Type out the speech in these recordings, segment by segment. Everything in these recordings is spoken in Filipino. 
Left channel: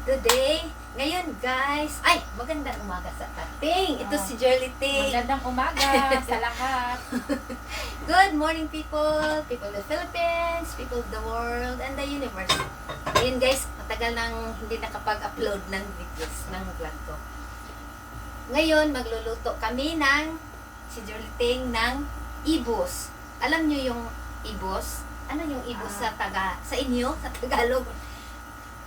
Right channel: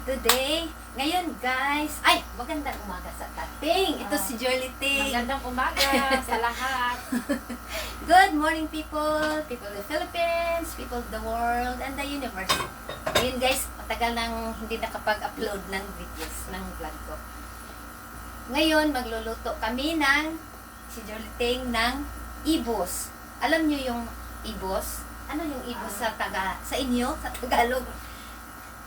Today, ngayon guys, ay, magandang umaga sa tating. Ito si Jolly Ting. Magandang umaga sa lahat. Good morning people, people of the Philippines, people of the world, and the universe. Ngayon guys, matagal nang hindi nakapag-upload ng videos, ng vlog ko. Ngayon, magluluto kami ng, si Jolly Ting, ng ibos. Alam nyo yung ibos? Ano yung ibos sa inyo, sa Tagalog?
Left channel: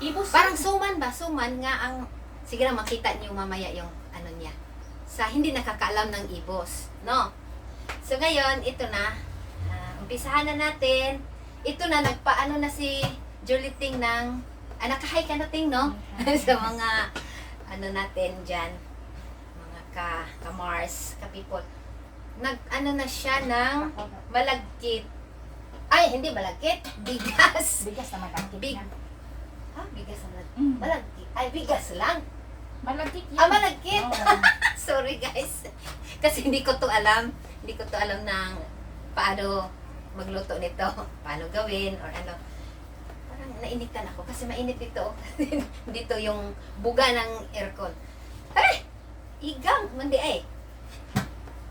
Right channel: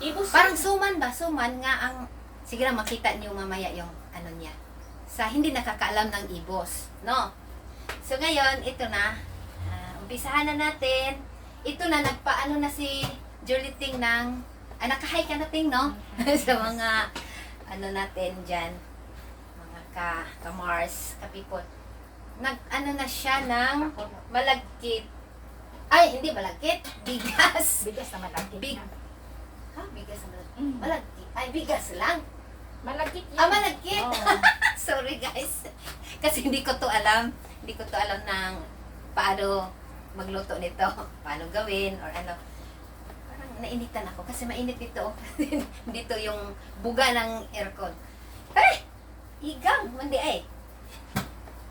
Ibos. Parang suman ba? Suman nga ang, sige lang makita niyo mamaya yung ano niya. Sa hindi nakakaalam ng ibos, no? So ngayon, ito na. Umpisahan na natin. Ito na, nagpaano na si Jolly Ting ng, nakahay ka na Ting, no? Sa mga, ano natin dyan, mga ka-Mars, ka-people. Nag-ano na siya ng malagkit. Ay, hindi malagkit. Bigas. Bigas na malagkit Big. na. Ha? Bigas na malagkit. Mm. Malagkit. Ay, bigas lang. Malagkit yan. Malagkit. Oo. Sorry guys. Kasi hindi ko to alam. Hindi ko to alam ng paano magluto nito. Paano gawin or ano. Parang nainitan ako kasi mainit ito. Dito yung buga ng aircon. Ay! Igang! Hindi eh.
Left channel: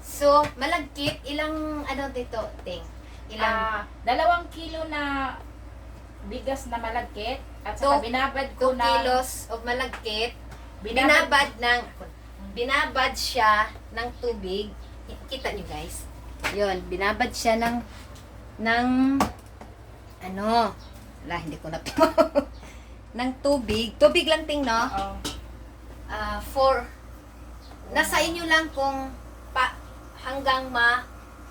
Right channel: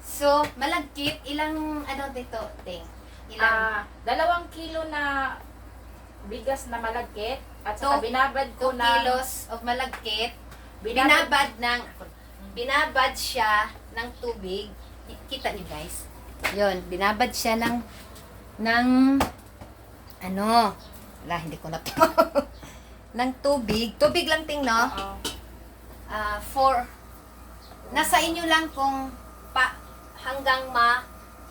So, malagkit. Ilang ano dito, Ting? Ilang? 2 kilo na bigas na malagkit at saka Two- binabad 2 ko na kilos of malagkit. Binabad siya ng tubig. Kita niyo guys. Yun, binabad siya ng ano, wala, hindi ko na to. ng tubig. Tubig lang Ting, no? Oo. Nasa inyo lang kung hanggang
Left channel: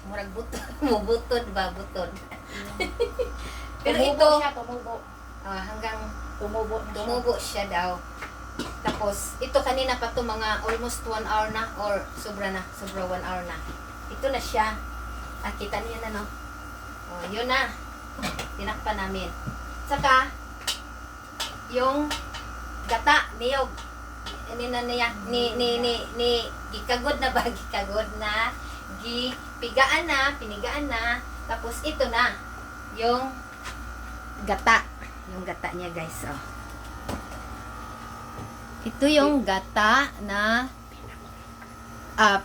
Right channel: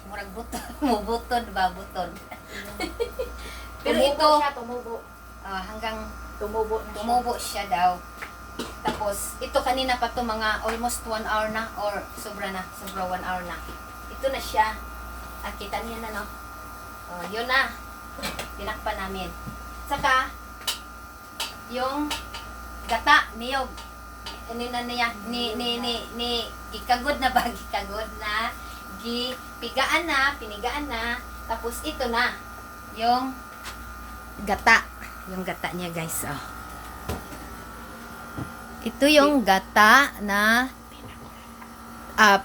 murag butod, mubutod ba, butod. Pero ito, Tumubo. hanggang Tumubo na siya. tumubo siya daw. Tapos, ito kanina pa to mga almost 1 hour na or sobra 1 hour na. Ito na siya. Kita niya na, no? Yun na. Tinakpan namin. Saka, yung gata, niyog. Ano na niya? Gikagod na ba? Gikagod na. Gipigaan na, pinigaan na. Tapos, ito na. Yung gata. Yung gata niya, guys. Ito yung gata na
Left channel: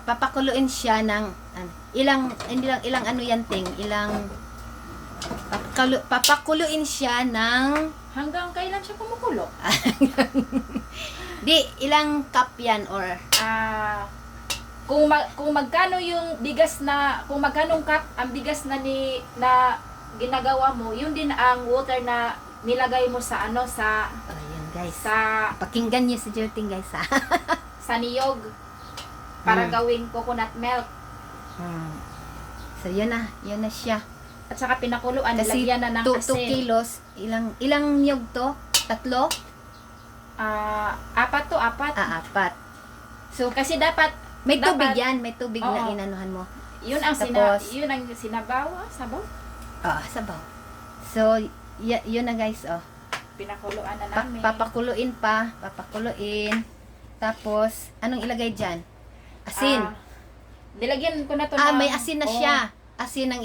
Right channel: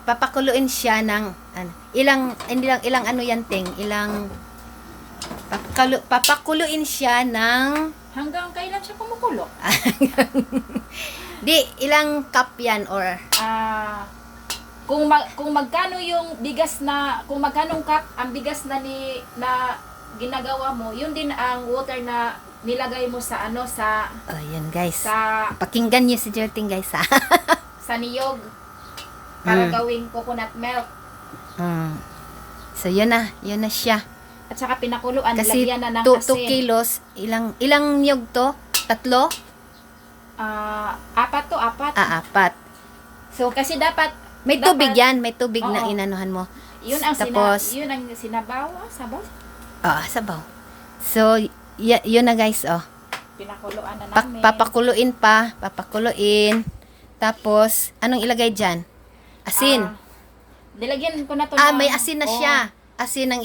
papakuluin siya ng ilang ano yan Ting, papakuluin siya ng Hanggang kailan siya kumukulo? di ilang cup yan or Kung magkano yung bigas na, kung magkanong cup ang bigas na ginagawa mo, yun din ang water na nilagay mo sa yan guys, sa pakinggan niyo si Jerting guys ha. sa niyog para Mm. gawing coconut milk. So yun na siya. At saka pinakuluan, Kasi nilagyan na ng 2 asin. kilos, ilang niyog to? 3? 4 to, 4. 4. So kasi dapat May tubig dapat- yan, may tubig na Oo. inanuhan mo. yun ang Tapos, yun ang sinabaw, sabaw. sabaw. So, yun na guys, Pinakuluan na namin. Papakuluin. Tapos, anong ilagay dyan? Asin. Nilagyan ko na to May asin na siya. Asin ng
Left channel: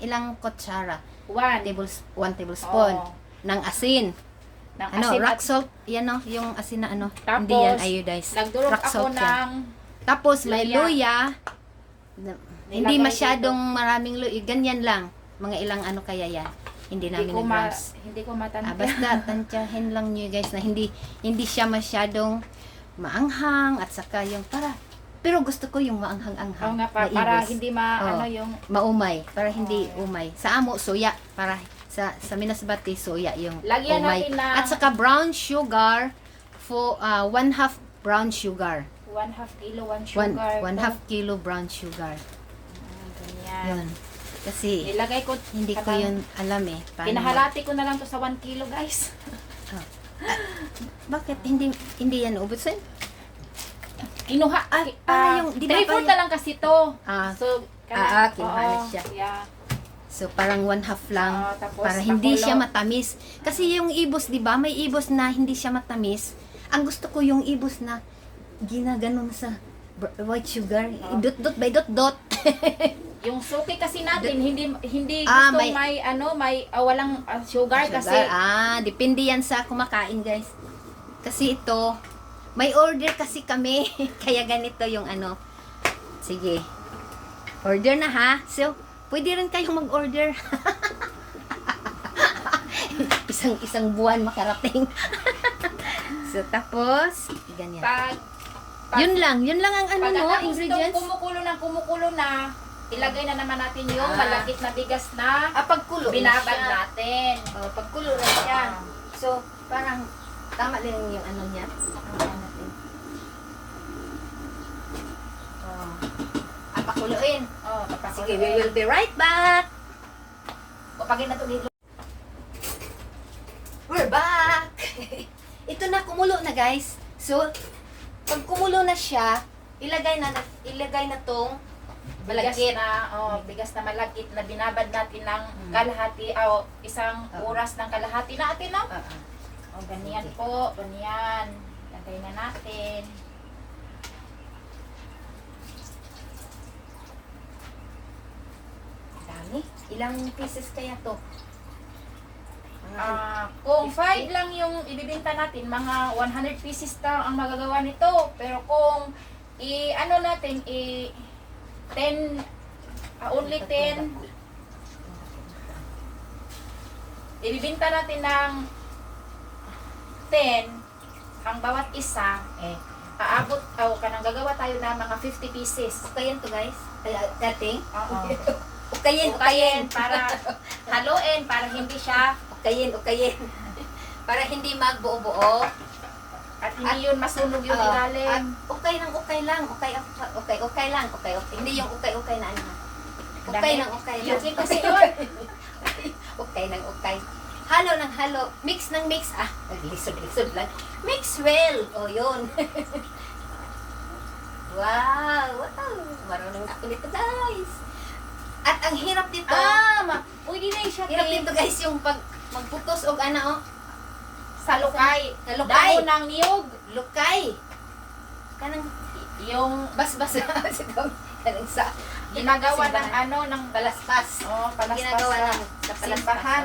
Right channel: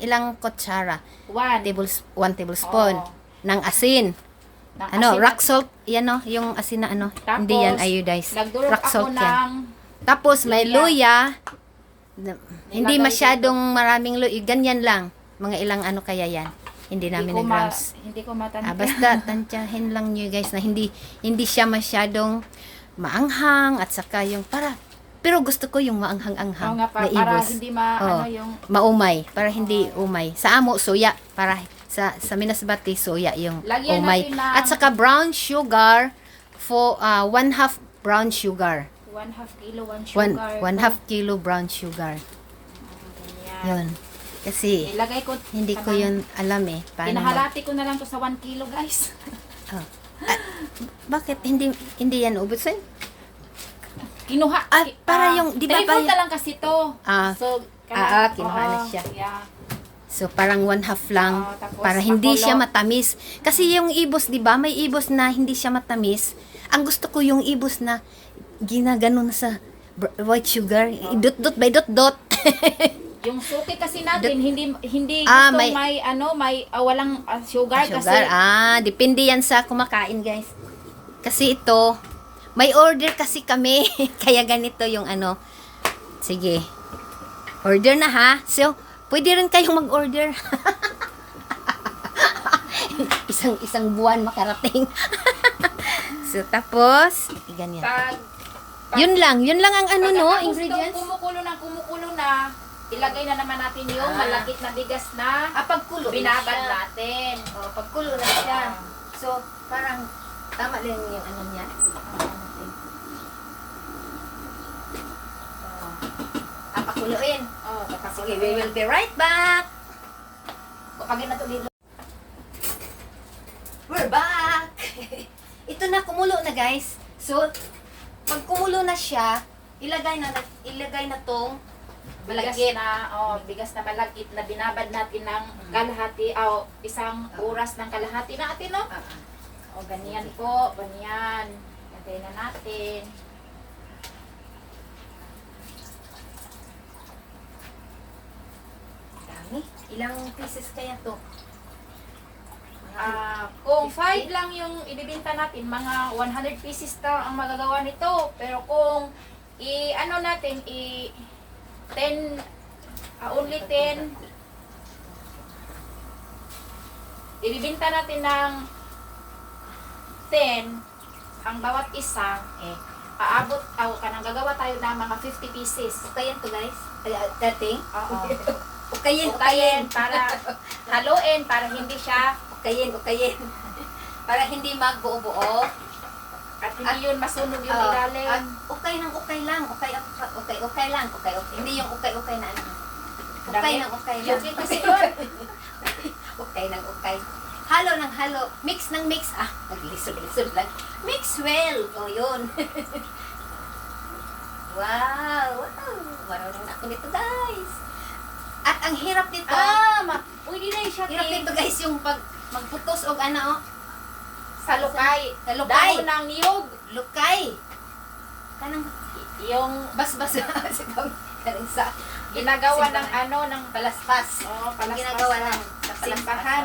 ilang kutsara. 1 1 tablespoon ng asin. Rock salt, yan yung asin na Tapos, hindi yan iodized. Nagdurog Rock ako salt yan. ng Tapos may luya. Hindi Nilagay masyadong maraming luya. Ganyan lang. Mga ilang kaya yan. Hindi namin grams. hindi ko matanda. Basta tansyahin lang nyo guys na hindi siya masyadong maanghang at saka yung pero gusto ko yung maanghang-anghang Oo nga, na para ibos. hindi yung Maumay. Para hindi umay. Sa amo, soya. Para sa Minasbati, soya yung Lagyan umay. natin ng At saka brown sugar for 1/2 brown sugar. 1/2 kilo, 1 sugar. 1/2 kilo brown sugar. Ganyan. Yun. Kasi Ilagay ko, hindi ko yun alam paano pinahalati ko na lang to sa 1 kilo, guys. bakit hindi yan ubusin? Kinuha. para yung- di ba 3/4 na lang kasi to. So, kinuha na siya. Yeah. So parang 1/2 lang Tapos para hindi pakulo. siya matamis. Kasi yung ibos, 'di ba? May ibos na hindi siya matamis. Ang gusto ko yung ibos na ginaganon sa white sugar, dot by dot. Yung suki kasi natin, hindi Ah, gusto may- may walang sugar kasi Depende yan sa kumakain, guys. Kasi ito, may order kasi kami. Kaya ganito yung ano. Sige. Order na ha. So, pwede rin kayong mag-order. isang buwan makarating. So, tapos, ganyan. Yun lang ang ano, no, ingredients. Kumukulo na, ilagay na naman natin yung malakit na bigas na Pagkulo binabad na siya. natin. Pagkulo na siya. So, parang, tama lang yung ano niya. Pakuluin. Sige, we will be right back. Pagin na to dito. We're back! Ito na, kumulo na guys. So, pag kumulo na siya, ilagay na tong Bigas na, bigas na malagkit na binabad natin ng kalahati, isang oras ng kalahati natin, no? Ganyan po, ganyan. Ganyan na natin. dami. Ilang pieces kaya to? Kung 5 lang yung ibibenta natin, mga 100 pieces lang ang magagawa nito. Pero kung ano natin, 10, only 10, ibibenta natin ng 10 ang bawat isa, aabot, kanang gagawa tayo ng mga 50 pieces. Ukayin to guys. Kaya, dating. Oo. Ukayin. Para haluin, para hindi siya, Ukayin. Para hindi magbuo-buo. at hindi yun masunog yung ilalim. At okay lang. Okay lang. Hindi yung okay na ano. Okay lang. Yun kasi yun. Okay. Halo ng halo. Mix ng mix. Naglisod lang. Mix well. Yun. Wow. Marunong ako nito guys. At ang hirap nito. Pwede na siya. Hirap nito guys yung pag magputos og ano Sa lukay. Sa lukay. Dahon ng niyog. Lukay. Kanang Yung bas-bas kanang sa ginagawa ng simbahan. ng Palaspas. palaspas Ginagawa sa lang sa simbahan.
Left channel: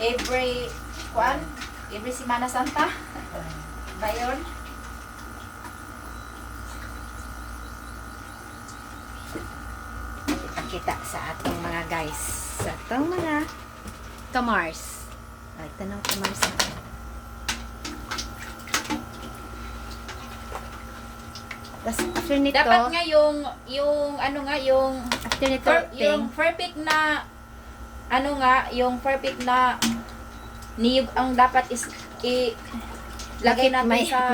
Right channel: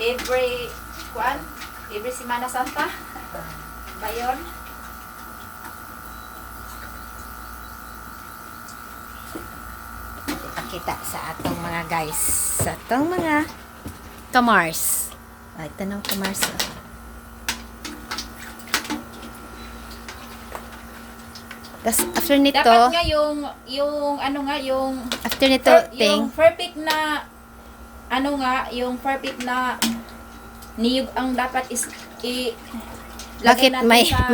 Every Semana Santa. Ba yun? Pakita sa ating mga guys. Sa atong mga kamars. Ito ng kamars. Tapos after nito, Dapat nga yung ano nga yung after nito, yung perfect na yung perfect na niyog ang dapat is lagay bakit natin sa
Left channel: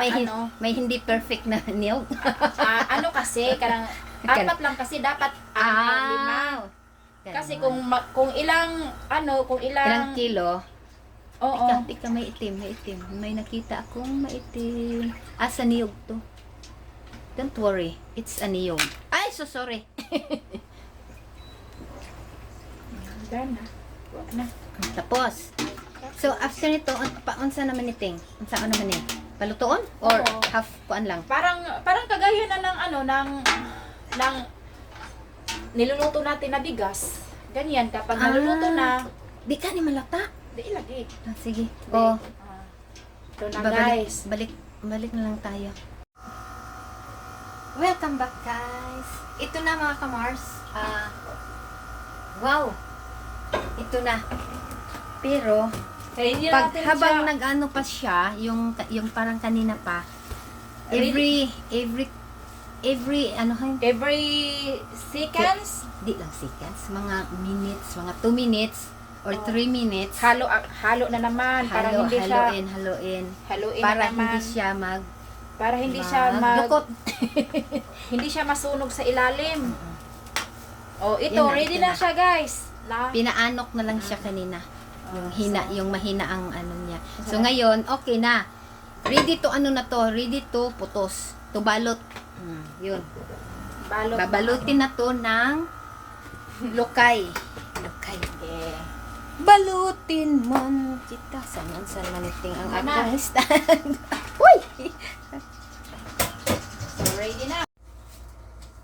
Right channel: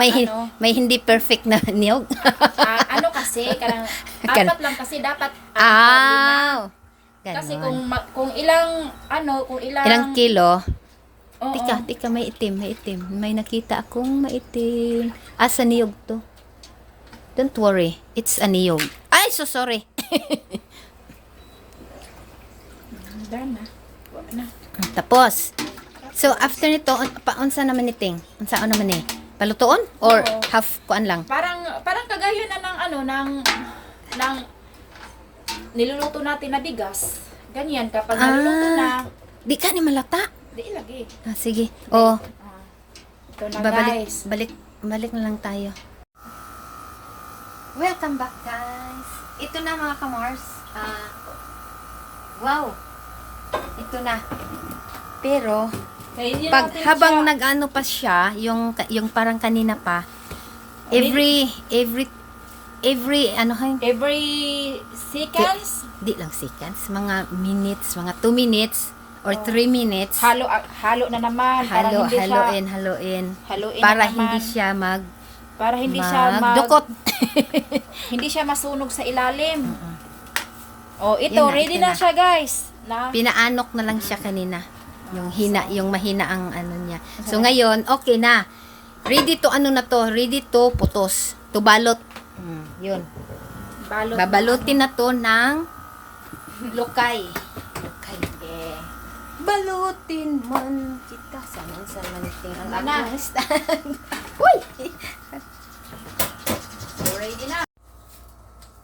may hindi perfect na niyog? ano kasi kanang apat lang kasi dapat lima. Ganon. Kasi kung ilang ilang kilo, oo, tika, may itim. May nakita akong maitim. Sa niyog to. Don't worry, it's a niyog. Ay, so sorry. done na. Wala na. Tapos, so after nito, unsa naman niting? Unsa naman ni? Palutoon or Oo. half kuan lang? Parang kagayon na ng niluluto natin na bigas. Ganyan kapag niluluto na, Di ka ni malata. di ilagay. Sige. Oh, Ito na babalik, guys. balik na lang tayo. Welcome back guys. Ito na mga kamars. Wow. Ito na. Pero Kaya hindi pag natin habang siya- nag-ano pa siya, yung parang kanina pa, every ano kayo? every seconds, Di lang seconds, mga minutes, mga 2 minutes or 3 minutes. halo na naman para hindi siya Haluin. haluin Para na naman. hindi siya para hindi siya magdukot. hindi siya masunog sa ilalim. Ito Yan na, ready ito na na. siya guys. Pinaanok na lang siya kanina. Yung mahina ang ano niya. So ngayon, okay na. Ready to ready to putos. To balot. Yun. Babalutin na to ng lukay. Balutin man kita sa maniting ang Ano na? akong stand. Uy! So ready na.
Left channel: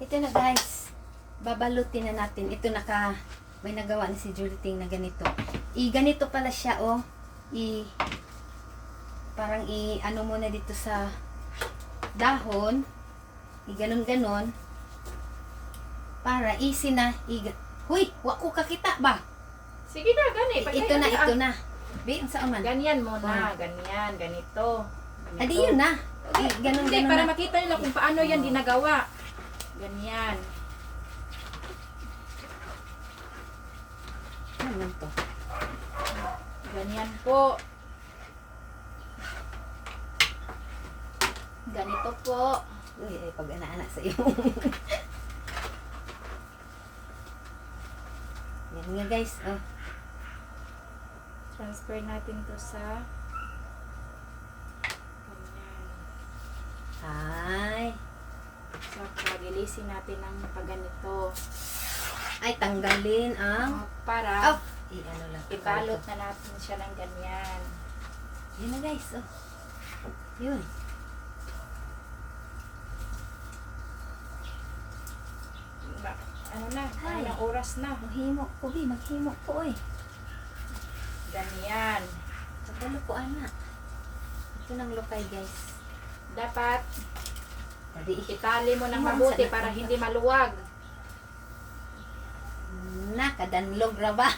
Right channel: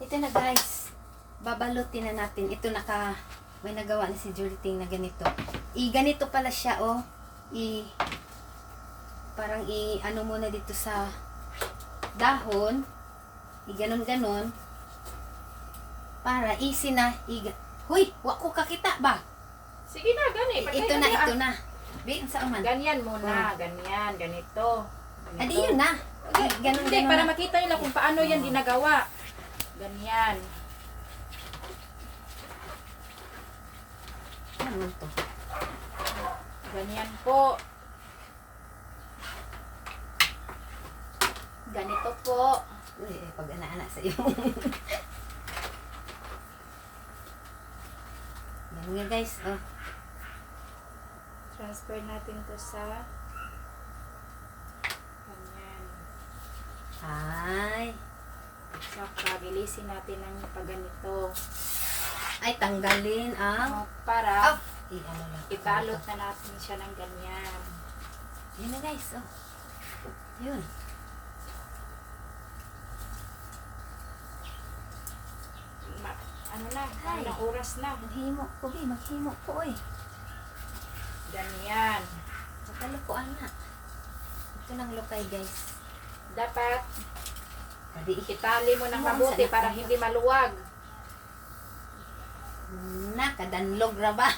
Ito na guys. Babalutin na natin. Ito may nagawa na si Julie Ting na ganito. Ganito pala siya parang i-ano mo na dito sa dahon. I-ganon-ganon. Para easy na. Huy, wako kakita ba? Sige na, gani. Ito na, ito na. Bi, ang saan man? Ganyan muna, ganyan, ganito. Adi yun na. Ganon, Hindi, ganon para na. makita nila kung paano yan ginagawa. Ganyan. Ano to? Ganyan po. Ganito po. Uy, pag ana-ana sa iyo. Yan nga guys. Oh. Transfer natin to sa ganyan. Ay. So, pagilisin natin ng paganito. Ay, tanggalin ang... Para Oh. I-ano lang. ibalot na natin siya ng ganyan. Yan na guys. Oh. Yun. Ano na, Ay. ilang oras na. Maghimo ko, Bi. Maghimo ko, eh. Ganyan. Nakalukuan na. Ito ng lukay, guys. Dapat Adi, itali mo ng Ano, mabuti saan para ito? hindi maluwag. nakadanlog ra ba?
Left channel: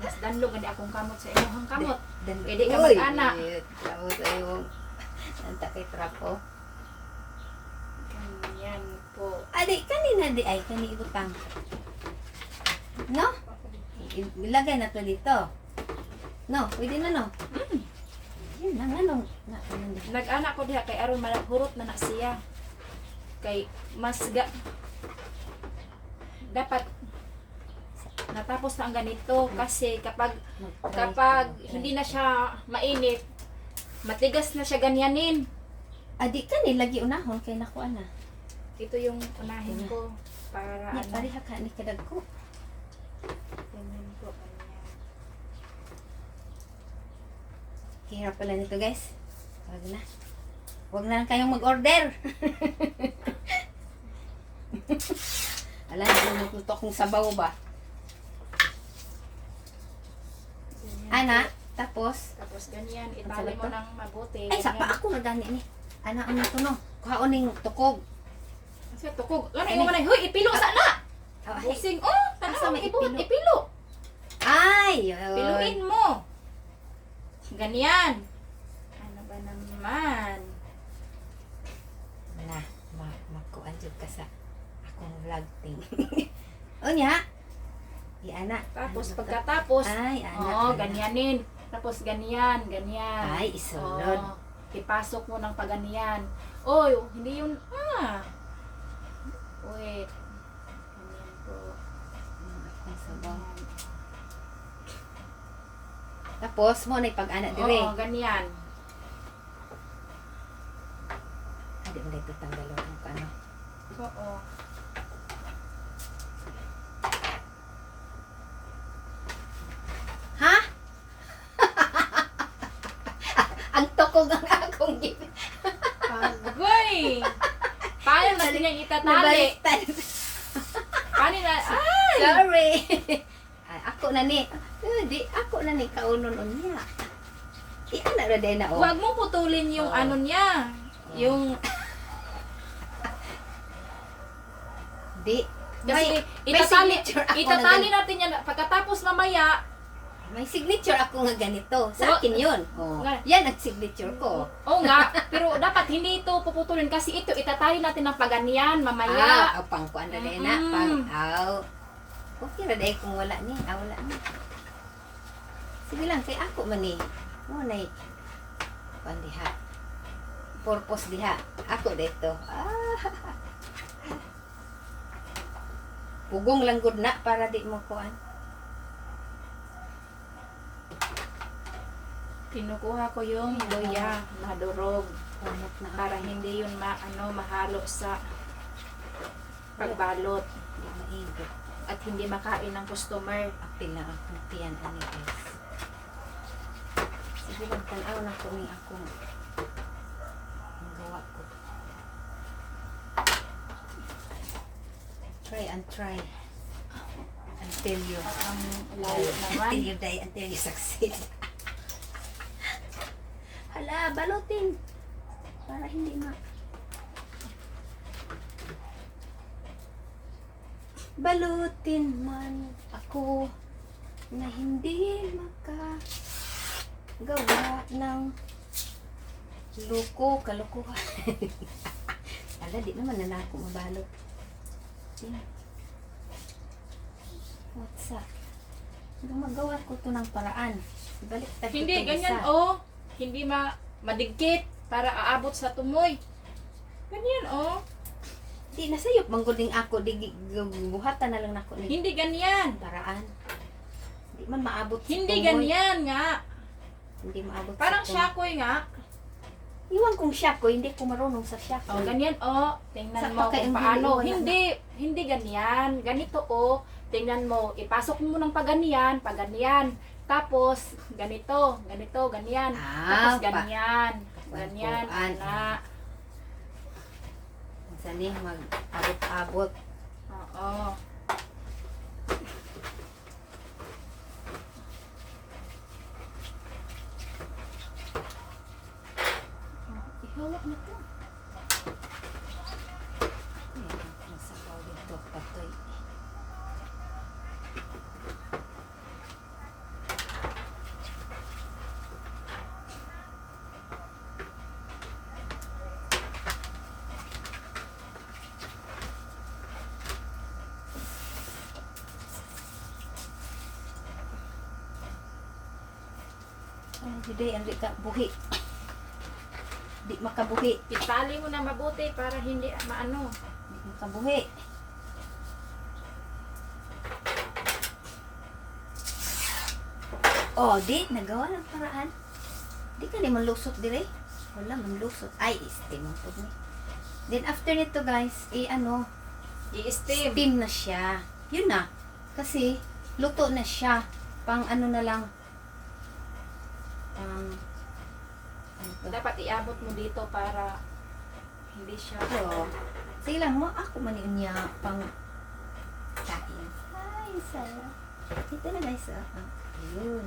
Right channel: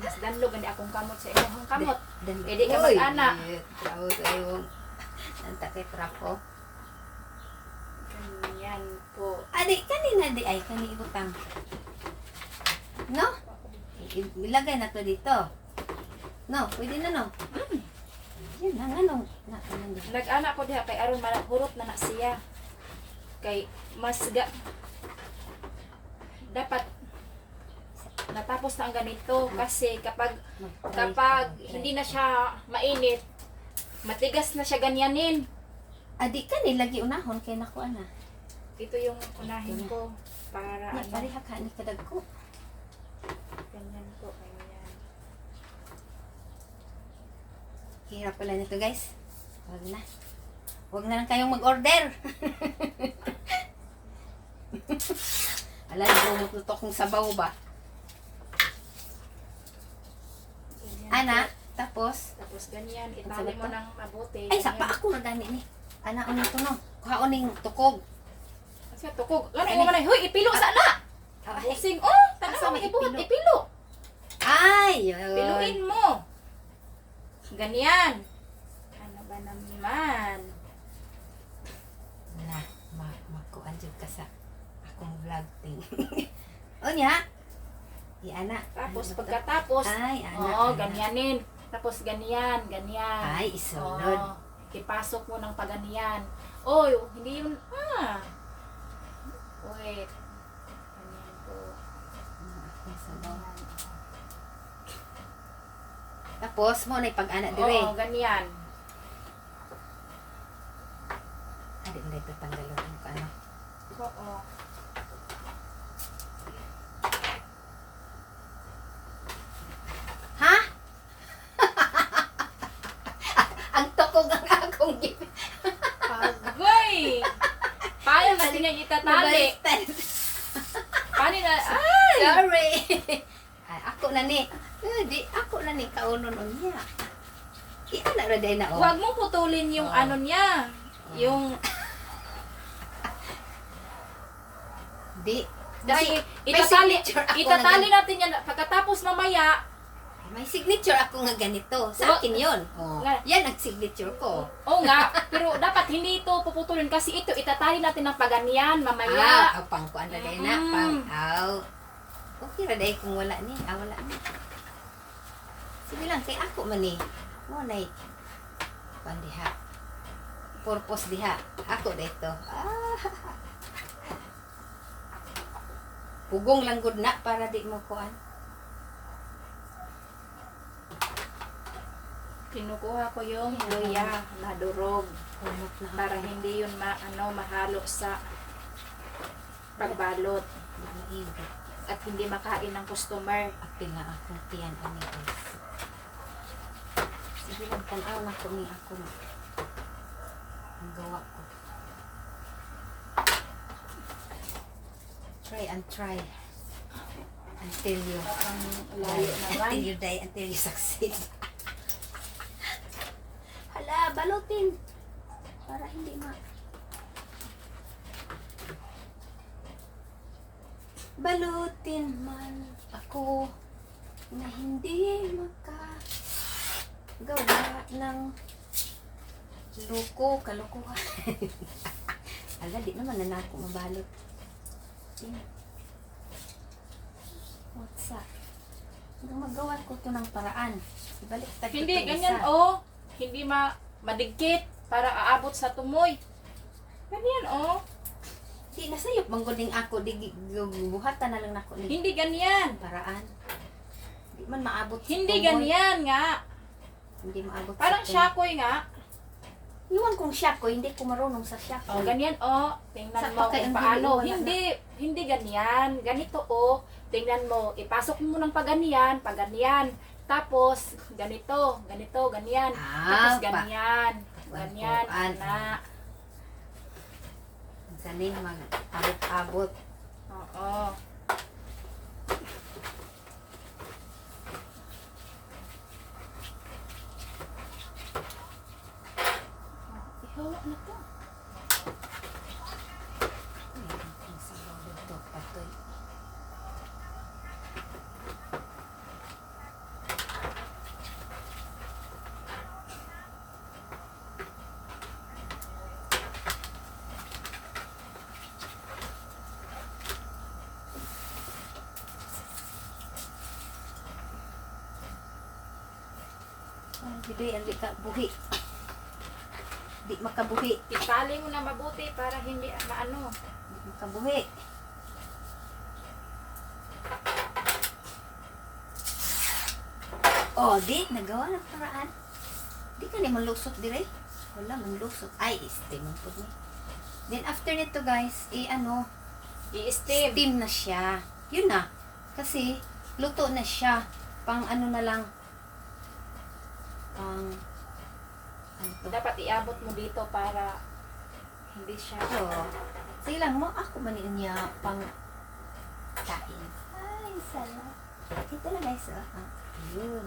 Mas danlog, hindi akong kamot sa imuhang kamot. Danlog. Pwede ka Uy, mag-ana. Trapo sa iyo. Nanta kay trapo. Ganyan po. Adi, kanina di ay, kani ibutang. No? Ilagay na to dito. No, pwede na no? Yan ang ano. Nag-ana ko diha kay aron hurot na na siya. Kay mas dapat natapos na ang ganito kasi kapag hindi na siya mainit, matigas na siya ganyanin. Adi, kani lagi unahon kay nakuha na. Ito yung unahin ko para Ni ano. pareha ka ni kadag ko. Ganyan po, ganyan. Hirap pala nito guys. Wag na. Wag na lang kayong mag-order. Alam mo, magluto akong sabaw ba? Ganyan Ana, po. tapos, Tapos ganyan, Ang itali sarap mo to. ng mabuti. ay, sapa ako na gani ni. Ana, ano to no? Kuhaon ning tukog. Kasi tukog. Ano Ani? yung manay? Hoy, ipilo sana! Ay, Busing, oh! Asa Tanaw, may ibuhat, ipilo? ipilo. ay, Piluin mo. Ganyan. Ano ba naman? na, makuan jud ka sa akong vlog thing. O niya? Di ana. Tapos, Ano to? pagkatapos, Ay, ana. oh, ana. ganyanin. Tapos, ganyan, ganyan. Ay, isulod. Oh, ipasok mo ng paganyan. Oy, hindi yun, Wait. Ganyan po. Akong sabaw. Ganyan. Tapos, mo na pag-ana dire. Oo, ganyan. Adi mo dito tanggalon ang paano. Oo. Ha? Ang tukog ang akong Agoy! Paano natin yung itatali? nabaliktad. Paano na? Ay! Sorry. Ay, ako na ni. Di, ako na ni kaunon unya. Iyan na raday na oh. Huwag mo putulin yung Oo. ano niya. Yung, Di. kasi may itatali, signature ako itatali na natin yan. Pagkatapos mamaya, may signature ako nga ganito. Sa akin yun. Oh. Nga. Yan ang signature ko. oo nga, pero dapat hindi ito puputulin kasi ito, itatali natin ng paganyan mamaya. Ang pangkuan raday na. Mm-mm. Pang, aw. Okay raday kung wala ni. Wala ni. Sige lang, kay ako man ni. Nay. Kuan diha. Purpose diha. Ako dito. Pugong lang gud na para di mo kuan. Kinukuha ko yung luya na durog Kumot na para hindi yun mahalo sa pagbalot maigo. at hindi makain ng customer. Apil na akong tiyan ani guys. Sige lang tanaw na ko ni akong ang gawa ko. Try and try. Until you Ang layo naman. until you die, until you succeed. balutin. Para hindi balutin man ako na hindi makagawa ng kalokohan. Ala, di naman na ako mabalot. What's up? Magawa ko to ng paraan. Ibalik Hindi, ganyan oh. Hindi madigkit para aabot sa tumoy. Ganyan oh. Di na sayop mangguling ako, di buhatan na lang ako ni Hindi ganyan. paraan. Di man maabot sa Hindi tumoy. ganyan nga. Hindi maabot Parang sa tumoy. syakoy nga. Iwan kong syako, hindi ko marunong sa syako. Oh, ganyan oh. Tingnan Sa mo pakay kung ang paano. hili, wala Hindi ganyan. Ganito oh. Tingnan mo. Ipasok mo ng paganyan, Tapos, ganito, ganyan. Tapos ganyan. Ganyan, Pagpuan. na. Galing mag-abot-abot. Oo. Ihawa na to. Ay, ang sabaw dito, patoy. Ay, hindi ka buhi. Di makabuhi. Itali mo na mabuti para hindi maano. Di makabuhi. Oh, di, nagawa ng paraan. Di ka naman lusot dire. Wala man lusot. Ay, steam po ni. Then after nito guys, I-steam. steam na siya. Yun na. Kasi, luto na siya. Pang ano na lang. Pang, ano to? Dapat iabot mo dito para hindi siya. Oo. Sige lang mo, ako man niya pang kain. Ay, sala. Ito na guys, ayun.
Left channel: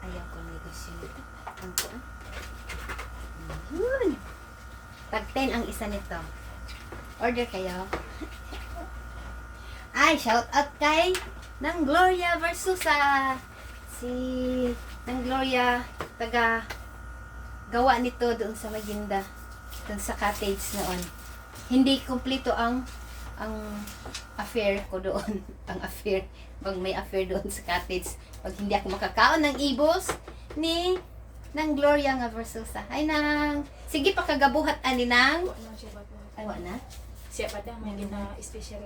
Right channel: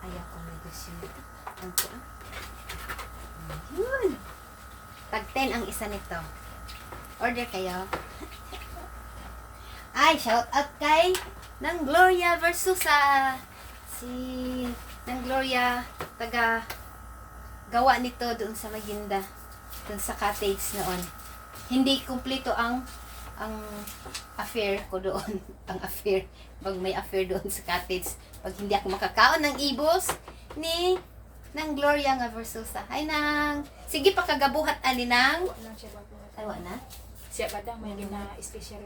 Ayaw ko negosyo nito. Ang ko, Ayun. Tag 10 ang isa nito. Order kayo. Ay, shout out kay Nang Gloria Versusa. Si Nang Gloria, taga gawa nito doon sa Maginda, doon sa cottage noon. Hindi kumpleto ang affair ko doon. Ang affair, pag may affair doon sa cottage, pag hindi ako makakaon ng ibos ni Nang Gloria nga Versusa. Ay nang, sige pa kagabuhat ani nang. Anong siya ba po? Awa na. Siya ba daw may gina special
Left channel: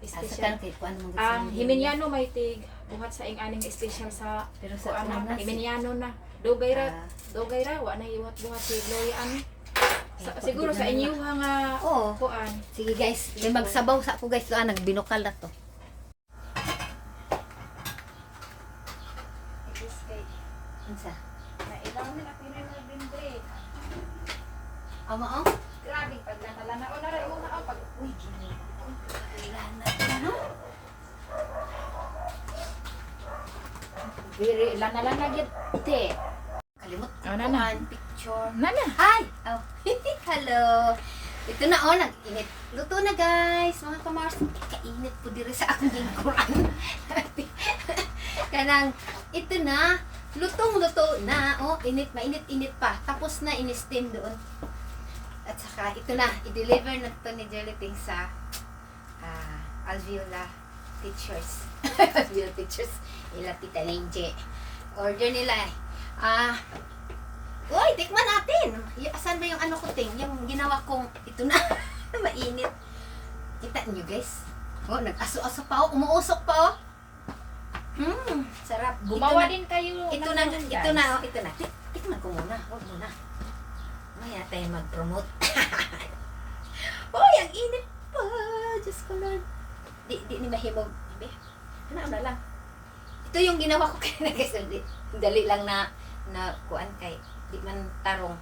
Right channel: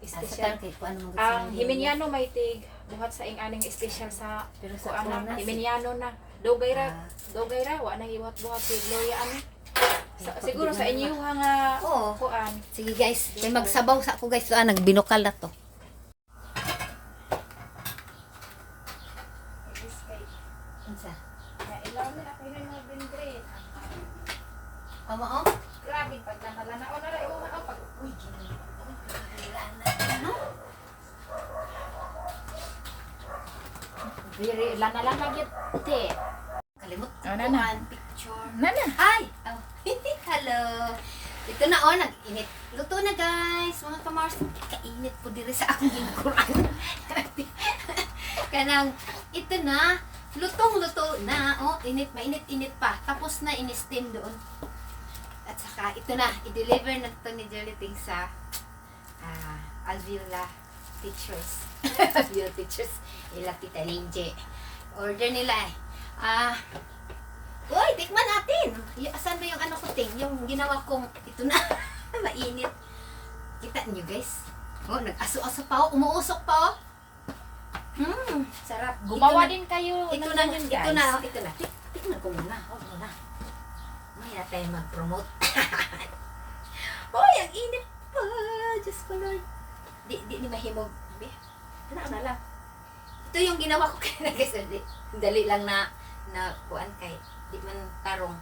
Sa special. tangkit ko ano mga Ang Himeniano may tig buhat sa ing aning special sa Pero sa kuana una, Himeniano na. Dugay ra, Ah. dugay ra wa na iwat buhat si Gloria ano. Ay, Siguro di sa naman inyo nga Oo. kuan. Sige guys, may magsabaw sa ako guys. Nagbinokal na to. Is kay Unsa? na ilaw ni ako na mga bindre. Amo oh? Grabe pag namalana o na ra o na pag uy gini. Ano? Very lana lang gyud te. Kalimot ko Oh, nana. ang picture. Nana. Hi! Oh, hello! Ito na oh, nag-init. Luto na guys, mga kamars. Kainit po diri sa akong lingkuran. Kanang, ito na. Lutong-luto na. Oh, mainit-init pa. Tapos na, in-steam doon. At saka, ito na. I-deliver na to ni Joliting sa Alviola Teachers. Alviola Teachers. Ila Tita Lenje. Order nila eh. Uy, tikman natin. Asan ba yung ano ko, Ting? Yung ginawa kong, ito na. Mainit. Kita niyo guys. Oh, nag-aso-aso pa oh. Umuusok pa oh. Sarap. Gumawa Ito na- din kayo Ito ng na, ganun, ito guys. na, oh, ito na. Tikman ko muna. Huwag muna. Maya tayo mag-promote. Uy, ang init pa. Diyos ko Lord. Di ni mahimog. Ano na lang. Ito yung ginawa ko kaya guys. Dali lang na kuan kay di man tarong.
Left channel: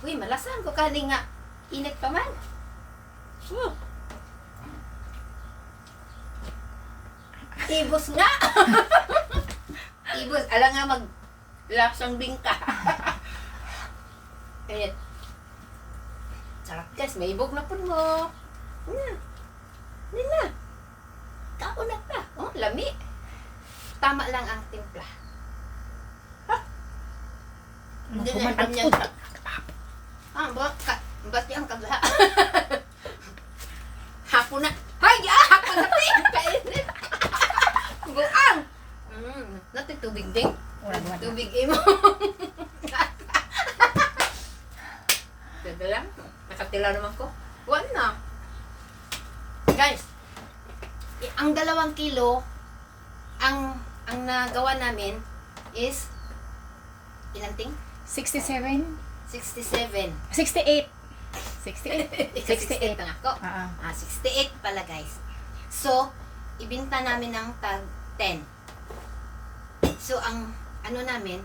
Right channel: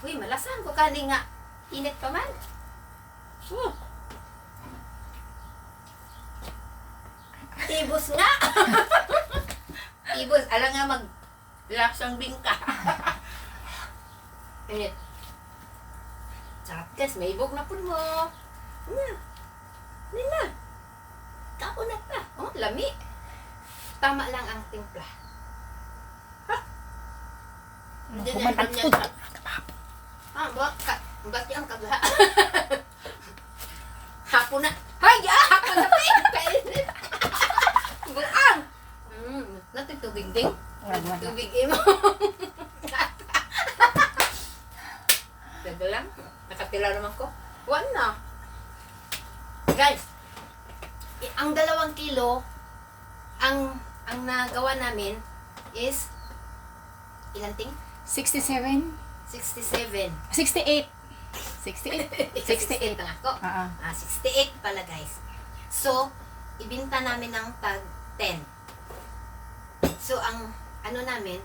Uy, malasan ko kani nga init pa man. Ibos nga. talbos. Alam nga mag-lapsang bingka. Init. Sarap guys, may ibog na po mo. Nina. Kaunat na. Oh, lami. Tama lang ang timpla. Hindi na Kuman inom ang yan. food. Ba't yung kagla? Hapon na. Hay, hapon na. Kainit. Buang. Natin tubig ding. Wala. Tubig imo. Ganda lang. Nakatila naman ko. Wala na. Guys, ang 2 kilo, ang nagawa namin is, ilang ting? 67? 67. 68. 68. 68 na ako. 68 pala guys. So, ibinta namin ng tag 10. So, ang ano namin,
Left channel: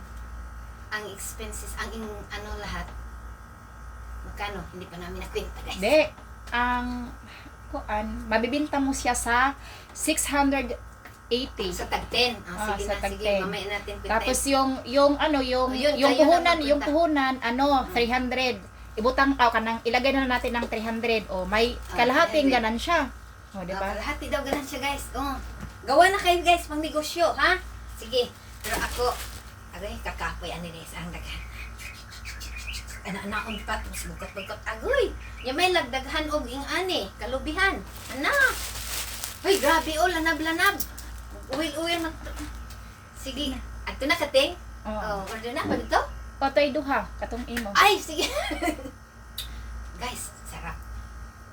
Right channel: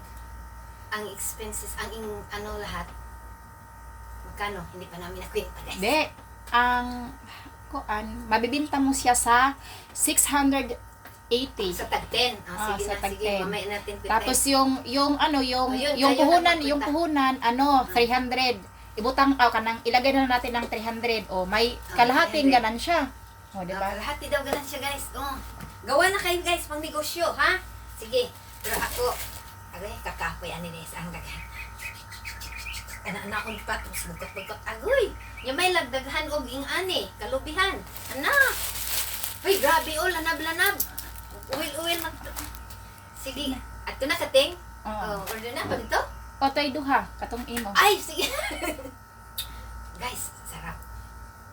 ang expenses, ang lahat, magkano? Hindi pa namin nakwenta guys. Hindi. Mabibinta mo siya sa 680. Sa tag 10. Sige sa na, tag sige, 10. mamaya natin kwenta. Tapos yung yun, kayo yung na puhunan, 300. Ibutang kanang ilagay na natin ng 300. O may kalahating 300. ganansya. O, di ba? Lahat daw ganun siya guys. Gawa na kayo guys, pang negosyo, ha? Sige. Pero ako, aray, kakapoy ani des ang daghan. Ana-anaon pa, tapos bukat-bukat agoy. Yung may lagdaghan og ing-ani, kalubihan. Ana! Uy, grabe o, lanab-lanab. Uwil-uwil na. Sige, ato na kating. Oo. Order na, pag ito? Otoy duha, katong imo. Ay, sige. Guys, sarap.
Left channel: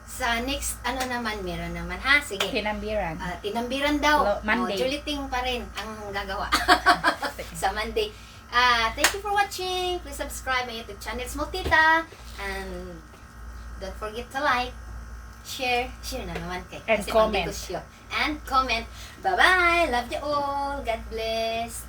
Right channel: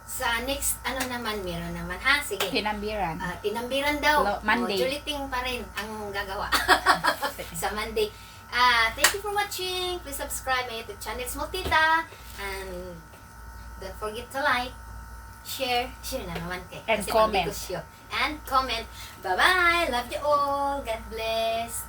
Sa next, naman, meron naman, ha? Sige. Hinambiran. Tinambiran daw. Monday. Juliting pa rin ang gagawa. Sa Monday. Thank you for watching. Please subscribe my YouTube channel, Small Tita. And don't forget to like, share na naman kay. And kasi comment. pang negosyo. And comment. Bye-bye. Love you all. God bless.